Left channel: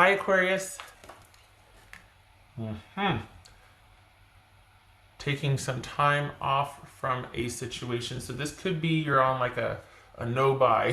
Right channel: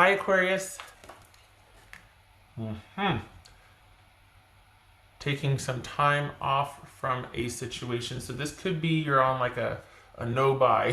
Hi, Aquarius. Taking some time off from a situation. So this could be you're on like a no-buy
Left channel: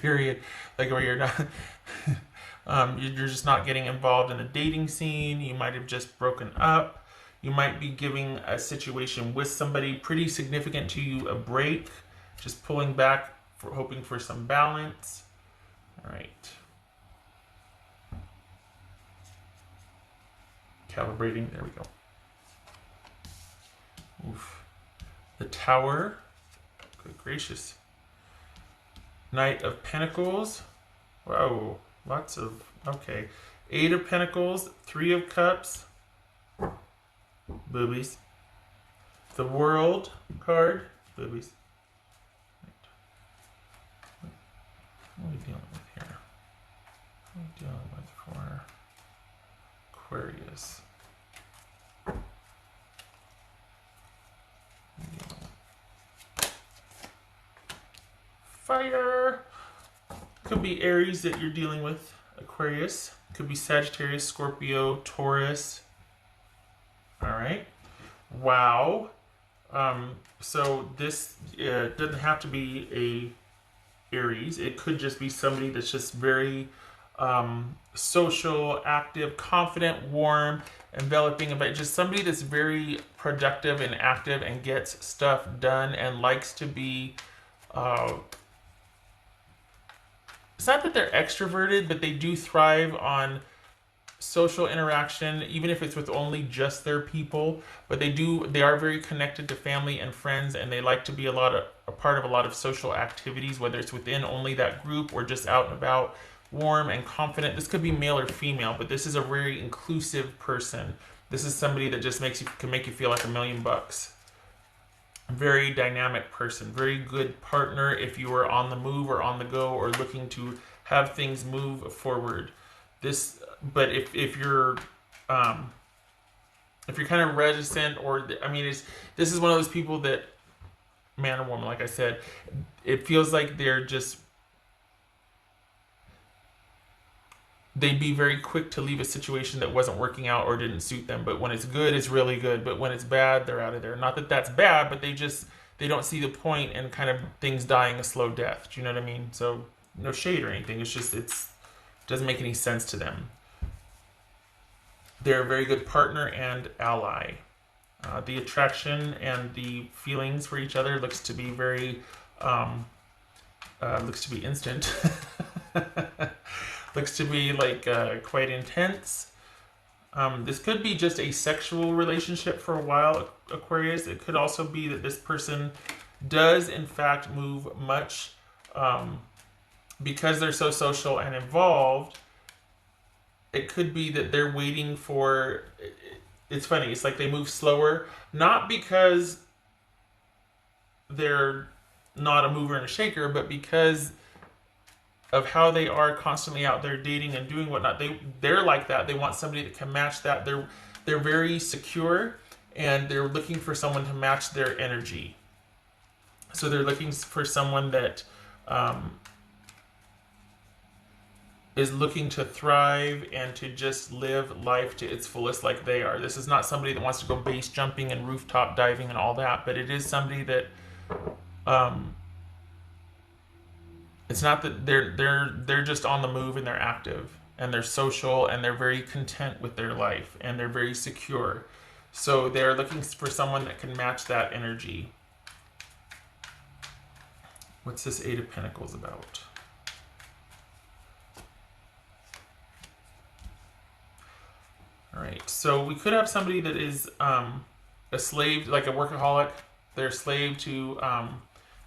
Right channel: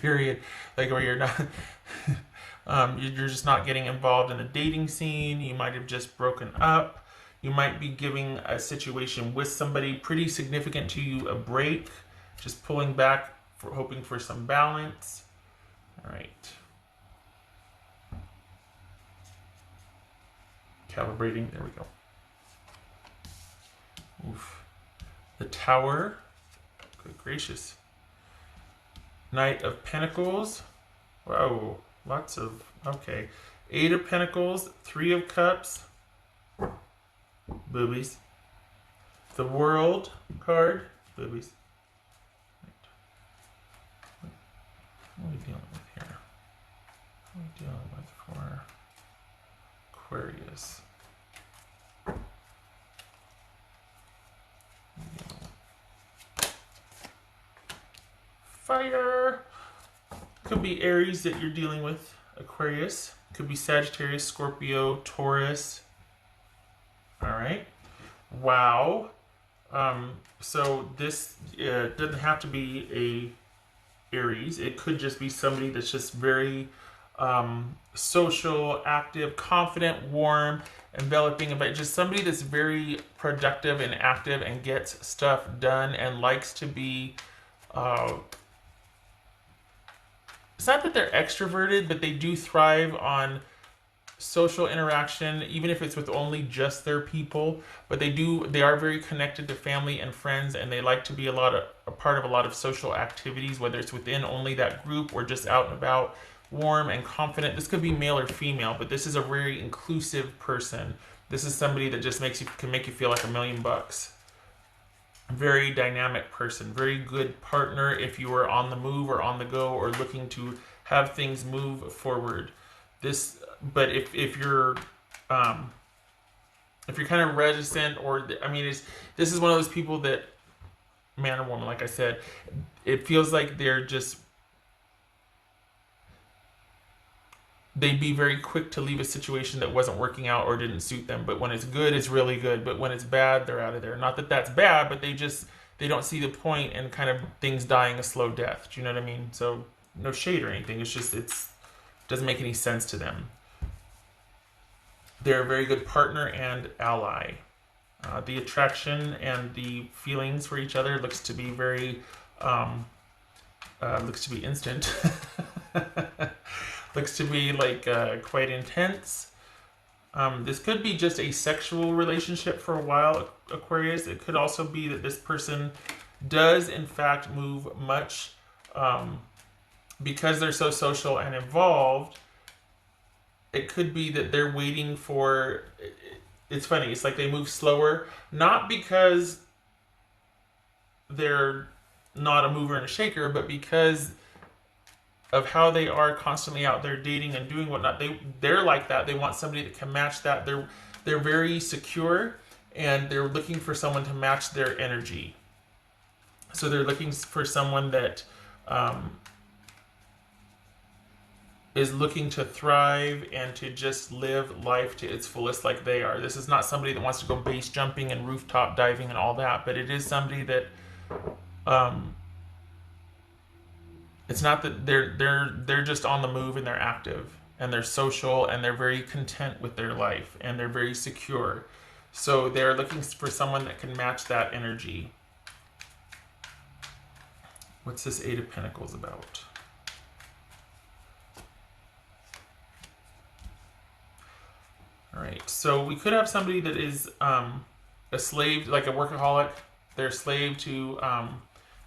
period, like where you're not, you're just not getting involved in the dating scene. You might have just broken up. You might be giving a situation with somebody pretty significant to you a break, just pulling back for hoping for some balance. All right. Calibrating. There we go. Oof. The Tower. Good gracious. Knight of Pentacles. Wow. Lots of. Okay. Eight of Pentacles. Three of Cups. Lilies. The World card. Lilies. What are we dealing with here? What are we dealing with for Aquarius? Fire! Could be Aries that you're dealing with, Aquarius. Could be Sagittarius, Scorpio, Taurus. Alright. Wow. So this doesn't have to be a Aries. It could just be somebody that's just very social, active, confident, warm, enveloping, but just somebody that's very productive and active and gets stuff done and likes to be it's not that they're extroverted, but they do thrive on social interaction, even if it's with only just their people. But they are very connected to family and friends, and they like to be a part of a lot of social activities, whether it's within only that group or just out and about. Warm and confident. This could be male or female, but this is a very inclusive person. This is somebody that just can make you feel like $1,000,000. Very dynamic person, very good partner if you are on the move or on the go or looking to have things move forward. But if you're kind of reticent, or this is one of those people that, man or woman, like I said, it feels like they'd be very quick to leave a situation that wasn't working out or didn't suit them. But when it's good, it's really good. But when it's bad, they're out of there. Not that that's bad, but they don't see the point and kind of things dying a slow death. Do you know what I mean? So no shade or anything. It's just it doesn't make any sense to them. They're a very good partner and ally. The attraction and the feelings for each other looks to be very looks to be instant. Looks to be like quite intense. This could be just a sexual relationship for a while, Aquarius. It could also be that this person does in fact move much because they're so social and involved. It could be that they're waiting for. It's funny. It's like they move slower, not because they're not a mover and a shaker, but because of how they are constantly out there dating and doing whatnot. They're like that. They want somebody that can match that. They're very secure, and they're looking for someone to match their energy. So they're looking for someone that is looking to thrive and to just live life to its fullest like they are. This is not somebody that wants to go base jumping and rooftop diving and all that, but it is somebody that it's not that they're just on the move and they're active and they're social and they're very content with their life and they're very secure. So they're looking for someone that can match that energy. What's this Eight of Pentacles about? All right, so we could have somebody that is a slave, like a workaholic. They're a slave to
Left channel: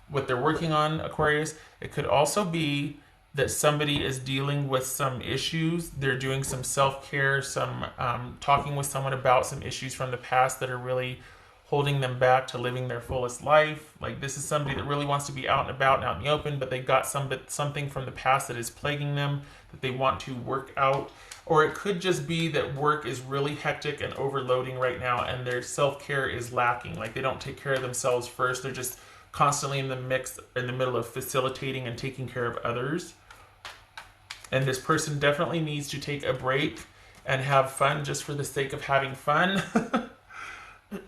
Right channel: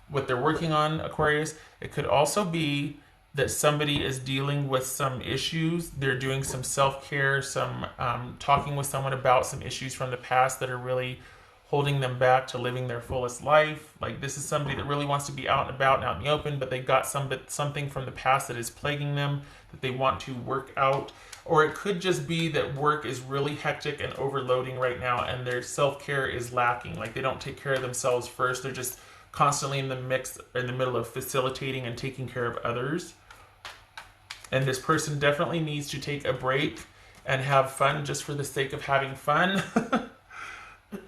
what they're working on, Aquarius. It could also be that somebody is dealing with some issues. They're doing some self-care, some talking with someone about some issues from the past that are really holding them back to living their fullest life. Like this is somebody that really wants to be out and about and out in the open, but they've got something from the past that is plaguing them that they want to work out. Or it could just be that work is really hectic and overloading right now and their self-care is lacking. Like they don't take care of themselves first. They're just constantly in the middle of facilitating and taking care of others. And this person definitely needs to take a break and have fun just for the sake of having fun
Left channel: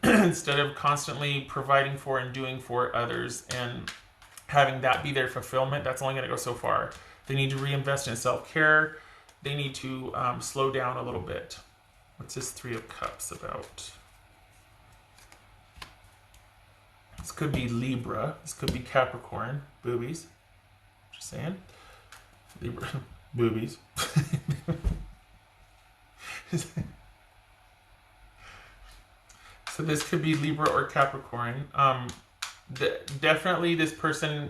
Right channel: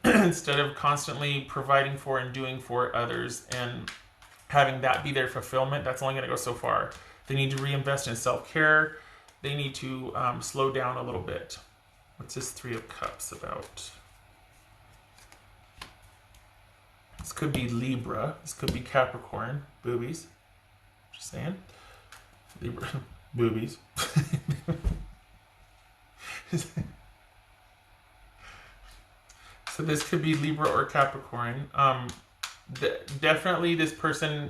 instead of constantly providing for and doing for others and having that be their fulfillment. That's only going to go so far. They need to reinvest in self-care. They need to slow down a little bit. What's this Three of Cups about? This could be Libra. This could be Capricorn. Boobies. Just saying. Libra. Boobies. So this could be Libra or Capricorn. Definitely this person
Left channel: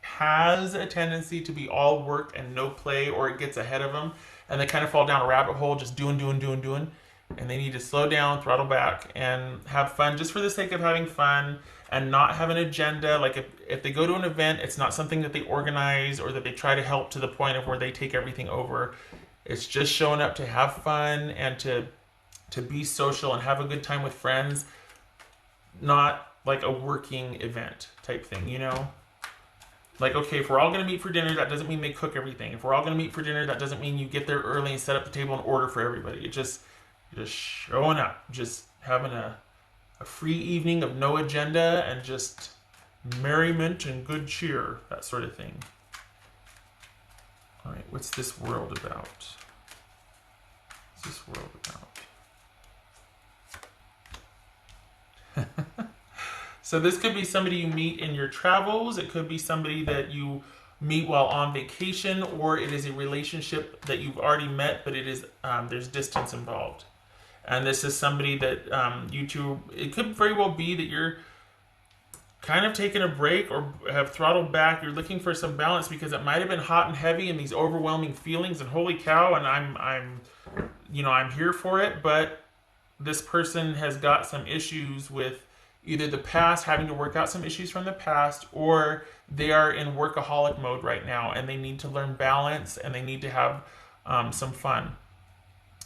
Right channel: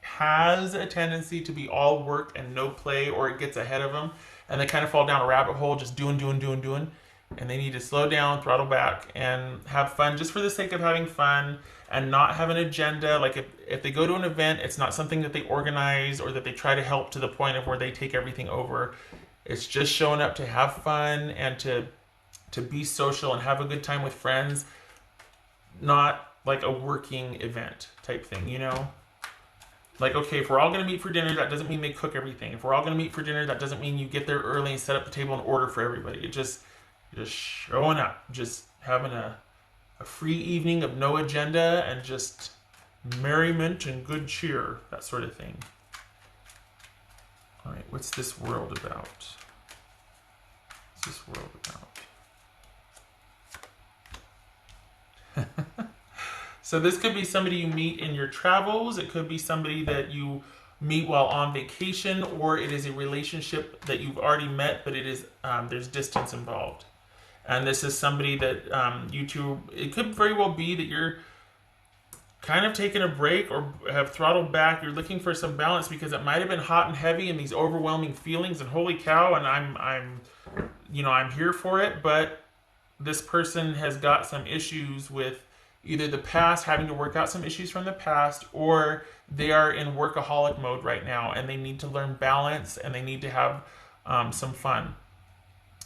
has a tendency to be all work and no play, or it gets ahead of them and they kind of fall down a rabbit hole just doing. And they need to slow down, throttle back, and have fun just for the sake of having fun and not have an agenda. Like if they go to an event, it's not something that they organize or that they try to help to the point of where they take everything over. It's just showing up to have fun and to be social and have a good time with friends, not like a working event type thing, you know? Like, okay, if we're all going to meet for dinner, that doesn't mean they cook everything. If we're all going to meet for dinner, that doesn't mean you get there early and set up the table and order for everybody. It just showing up, just having a free evening of no agenda and just merriment and good cheer, that sort of thing. All right, what's this world about? What's this world about? So this could be somebody you meet in your travels. It could be somebody that you meet while on vacation, or it is a relationship that you've already met, but it is there's distance involved. And this is somebody that you two, it could very well be that you're kind of taking a break or have throttled back. You're looking for some balance because it might have been hot and heavy and these overwhelming feelings and holy cow, and I'm here for it, but this person has got some issues with either the past, having to work out some issues from the past, or they are in workaholic mode right now and they need to learn balance and they need to have some fun.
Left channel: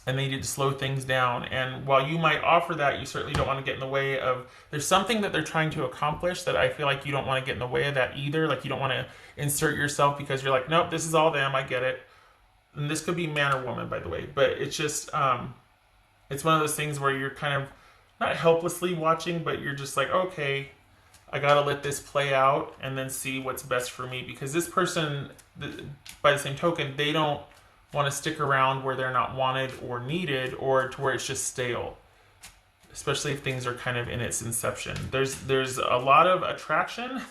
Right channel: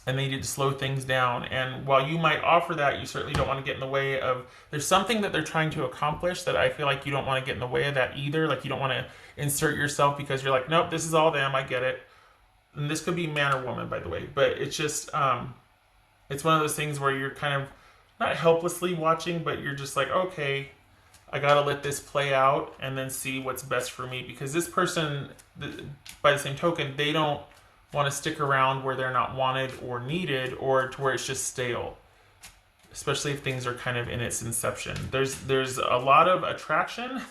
And they need to slow things down. And while you might offer that, you certainly don't want to get in the way of, there's something that they're trying to accomplish that I feel like you don't want to get in the way of that either. Like you don't want to insert yourself because you're like, nope, this is all them, I get it. And this could be man or woman, by the way. But it's just, it's one of those things where you're kind of not helplessly watching, but you're just like, okay, I got to let this play out and then see what's best for me. Because this person, by the same token, they don't want to stick around where they're not wanted or needed, or to where it's just stale, especially if things are kind of in its inception. There's a lot of attraction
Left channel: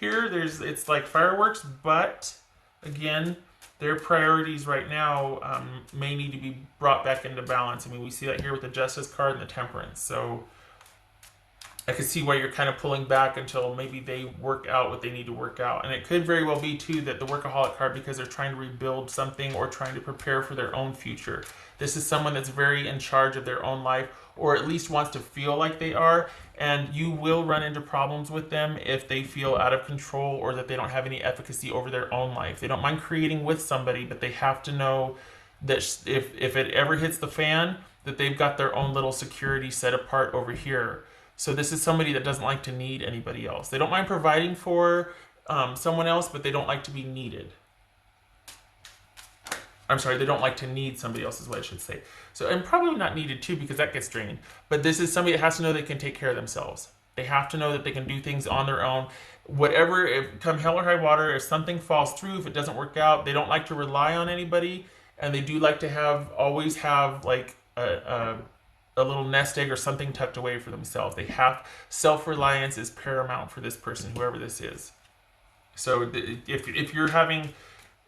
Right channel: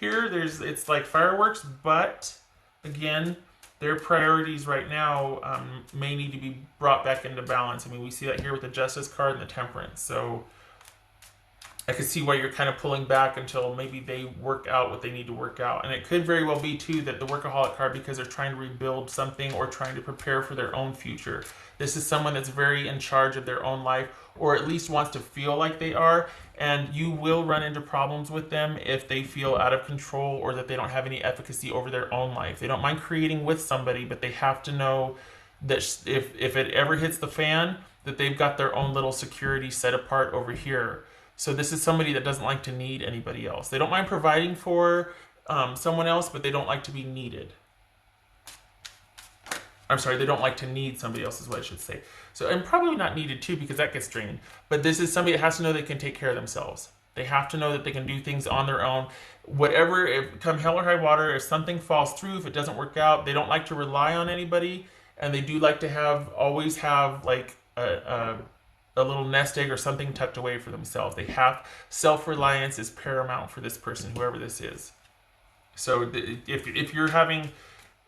here. It's like fireworks, but again, their priorities right now may need to be brought back into balance. I mean, we see that here with the Justice card and the Temperance. So I can see why you're kind of pulling back until maybe they work out what they need to work out. And it could very well be, too, that the Workaholic card, because they're trying to rebuild something or trying to prepare for their own future. This is someone that's very in charge of their own life, or at least wants to feel like they are. And you will run into problems with them if they feel out of control or that they don't have any efficacy over their own life. They don't mind creating with somebody, but they have to know that if it ever hits the fan, that they've got their own little security set apart over here. So this is somebody that doesn't like to need anybody else. They don't mind providing for someone else, but they don't like to be needed. I'm sorry, they don't like to need somebody else is what I should say. So, and probably not needed too, because that gets draining. But this is somebody that has to know they can take care of themselves. They have to know that they can do things on their own. Whatever, if come hell or high water, if something falls through, if it doesn't work out, they don't like to rely on anybody. And they do like to always have like a little nest egg or something tucked away for themselves. They have, self-reliance is paramount for this person, whoever this is. So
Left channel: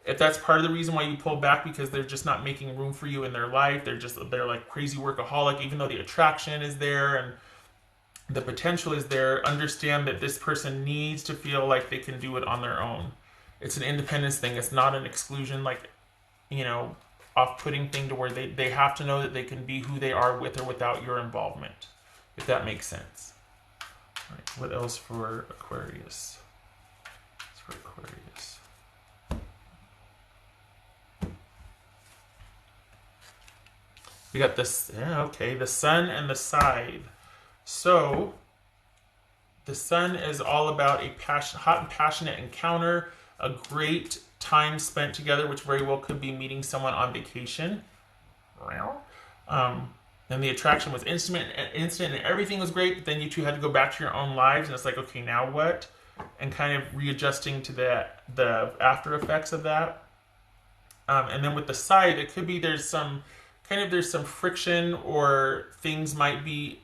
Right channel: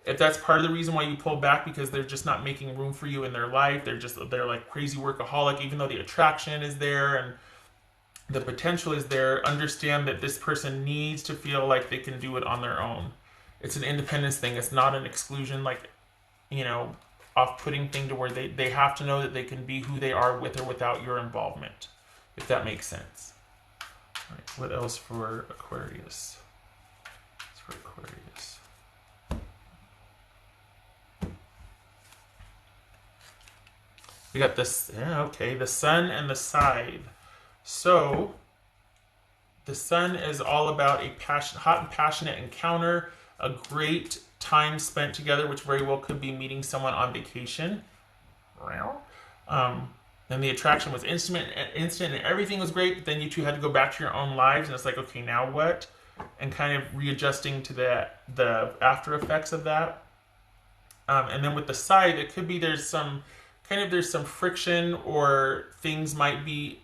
if that's part of the reason why you pull back, because they're just not making room for you in their life, they're like crazy workaholic, even though the attraction is there and the potential is there, understand that this person needs to feel like they can do it on their own. It's an independence thing. It's not an exclusion, like, off-putting thing to where they have to know that they can be who they are with or without your involvement, if that makes sense. All right, what else for Aquarius? We got this, the Sun and the Scythe. So, the Sun is all about a hot and passionate encounter, a great time spent together, which very well could be meeting someone on vacation. Then the attraction was instant and everything was great, but then you two had to go back to your own lives, and it's like, okay, now what? And kind of readjusting to the after effects of that. And then with the side, it could be there's some friction, or things might be.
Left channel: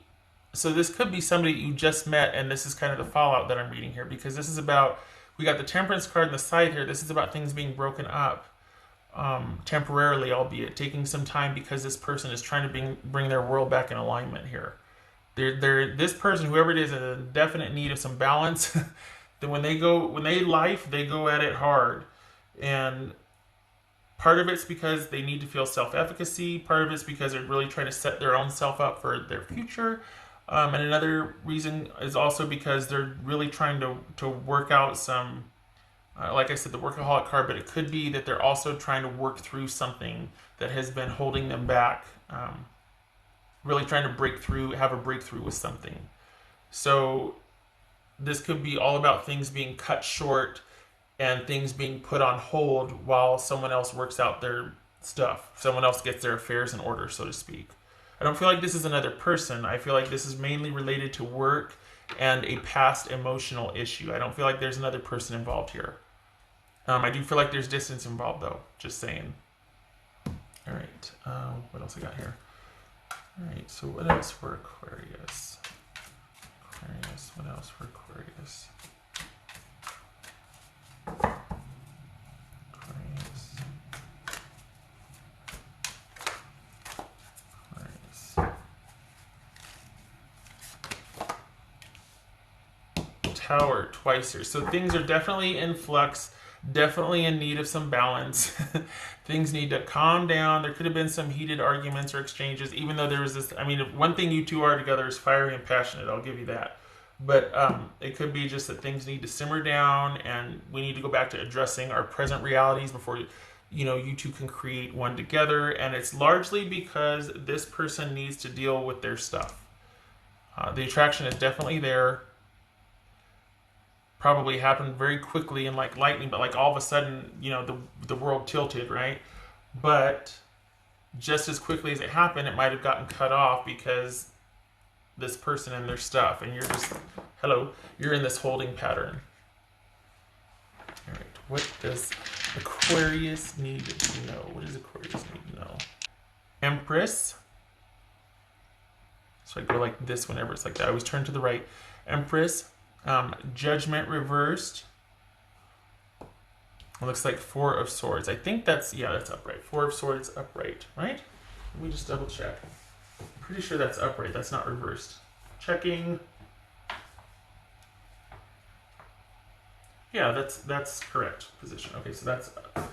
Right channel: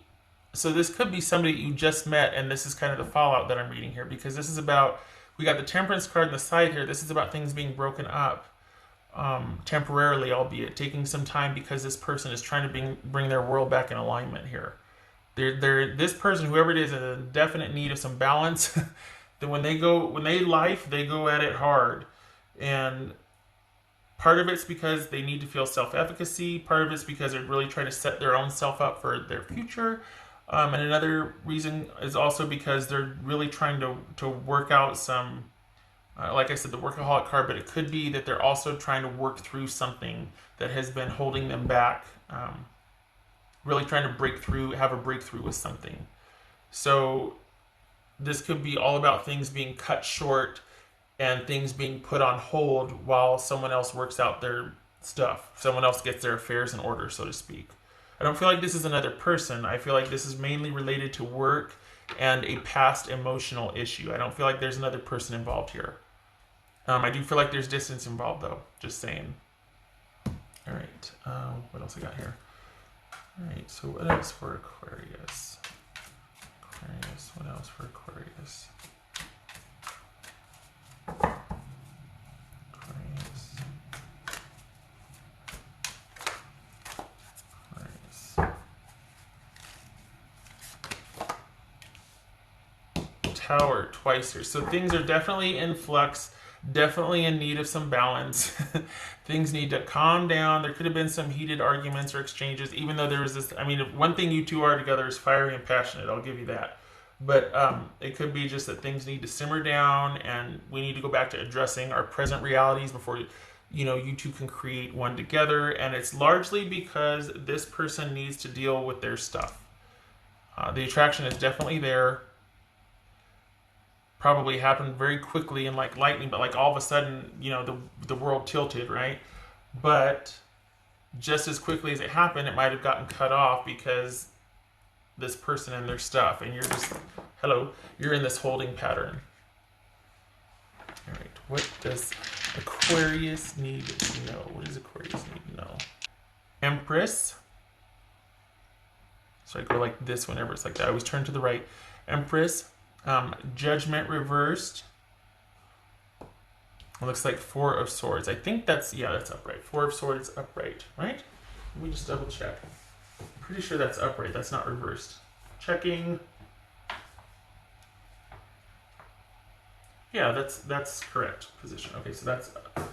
So this could be somebody you just met, and this is kind of the fallout that I'm reading here, because this is about, we got the Temperance card on the side here. This is about things being broken up, temporarily, albeit taking some time, because this person is trying to bring their world back in alignment here. This person, whoever it is, in a definite need of some balance. That when they go at it hard, and part of it's because they need to feel self-efficacy. Part of it's because they're really trying to set their own self up for their future. And another reason is also because they're really trying to work out some, like I said, the workaholic card, but it could be that they're also trying to work through something that has been holding them back, really trying to have a breakthrough with something. So this could be all about things being cut short and things being put on hold while someone else works out their stuff. Someone else gets their affairs in order, so to speak. I don't feel like this is another person. I feel like this is mainly related to work and a past emotional issue. I don't feel like there's another person involved here. I do feel like there's distance involved, though. Just saying. All right. What else I got here? All right, so what else for Aquarius? What else for Aquarius? Tower twice here. So things are definitely in flux, definitely in need of some balance. Things need to calm down. There could have been some heated arguments or exchanges, even though there was this. I mean, if one thing you two are together is fiery and passionate, I'll give you that. But it could be just that things need to simmer down, and we need to go back to addressing our present realities before you two can create one together. And it's largely because this person needs to deal with their stuff. The attraction is definitely there. Probably happened very quickly and like lightning, but like all of a sudden, the world tilted, right? But just as quickly as it happened, it might have gotten cut off because this person and their stuff, and you're in this holding pattern. All right, what does Aquarius need to know? What does Aquarius need to know? Empress. So I go like this whenever it's like that. I always turn to the right. Empress. Judgment reversed. It looks like Four of Swords. I think that's upright. Four of Swords upright, right? Let me just double check. I'm pretty sure that's upright. That's not reversed. Checking. Yeah, that's correct position. Okay, so that's up.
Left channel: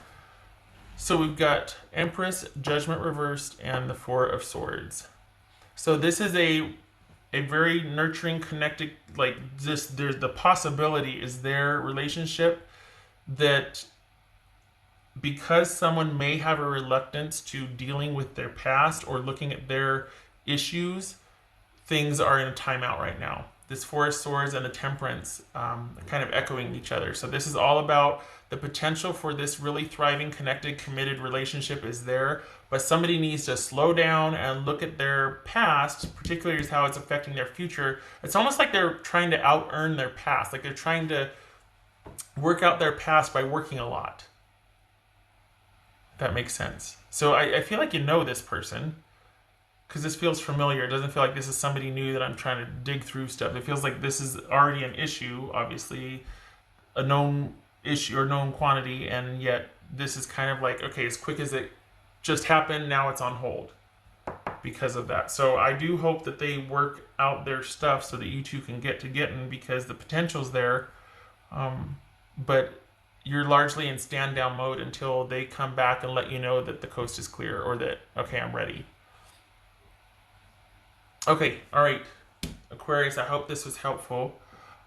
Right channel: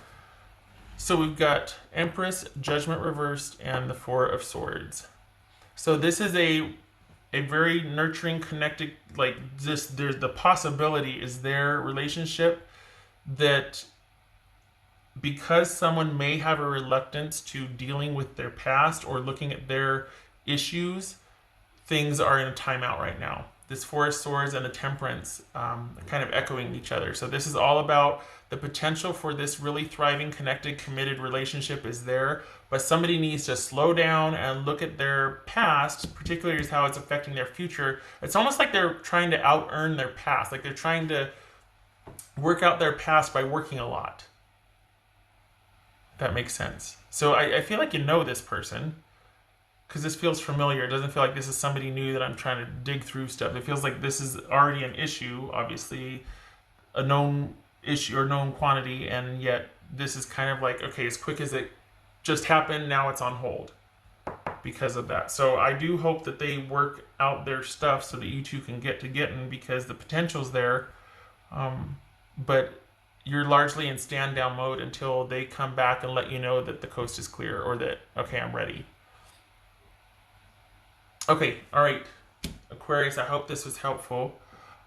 So we've got Empress, Judgment reversed, and the Four of Swords. So this is a very nurturing, connected, like this. There's the possibility is their relationship that because someone may have a reluctance to dealing with their past or looking at their issues, things are in a timeout right now. This Four of Swords and the Temperance kind of echoing each other. So this is all about the potential for this really thriving, connected, committed relationship is there. But somebody needs to slow down and look at their past, particularly as how it's affecting their future. It's almost like they're trying to out-earn their past. Like they're trying to work out their past by working a lot. That makes sense. So I feel like you know this person, because this feels familiar. It doesn't feel like this is somebody new that I'm trying to dig through stuff. It feels like this is already an issue, obviously, a known issue or known quantity, and yet this is kind of like, okay, as quick as it just happened, now it's on hold because of that. So I do hope that they work out their stuff so that you two can get to getting, because the potential's there. But you're largely in stand down mode until they come back and let you know that the coast is clear, or that, okay, I'm ready. Okay, all right, Aquarius, I hope this was helpful.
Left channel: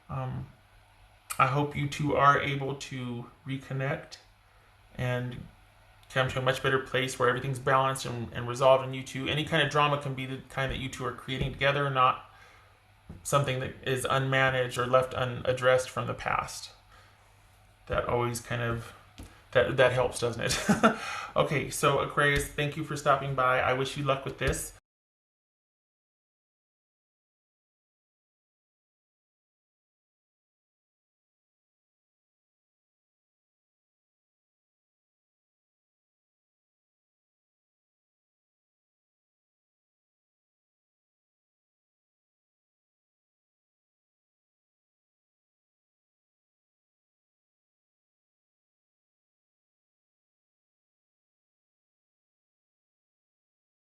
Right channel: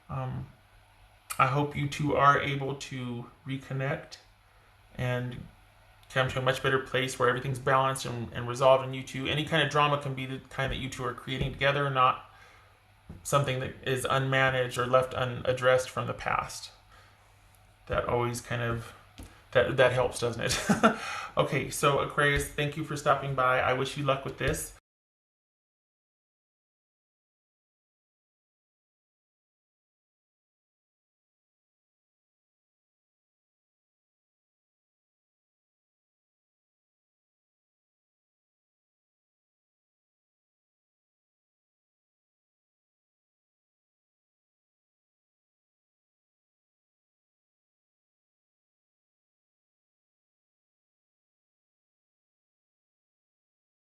I hope you two are able to reconnect and come to a much better place where everything's balanced and resolved in you two. Any kind of drama can be the kind that you two are creating together, not something that is unmanaged or left unaddressed from the past. That always kind of That helps, doesn't it? Okay, so Aquarius, thank you for stopping by. I wish you luck with this.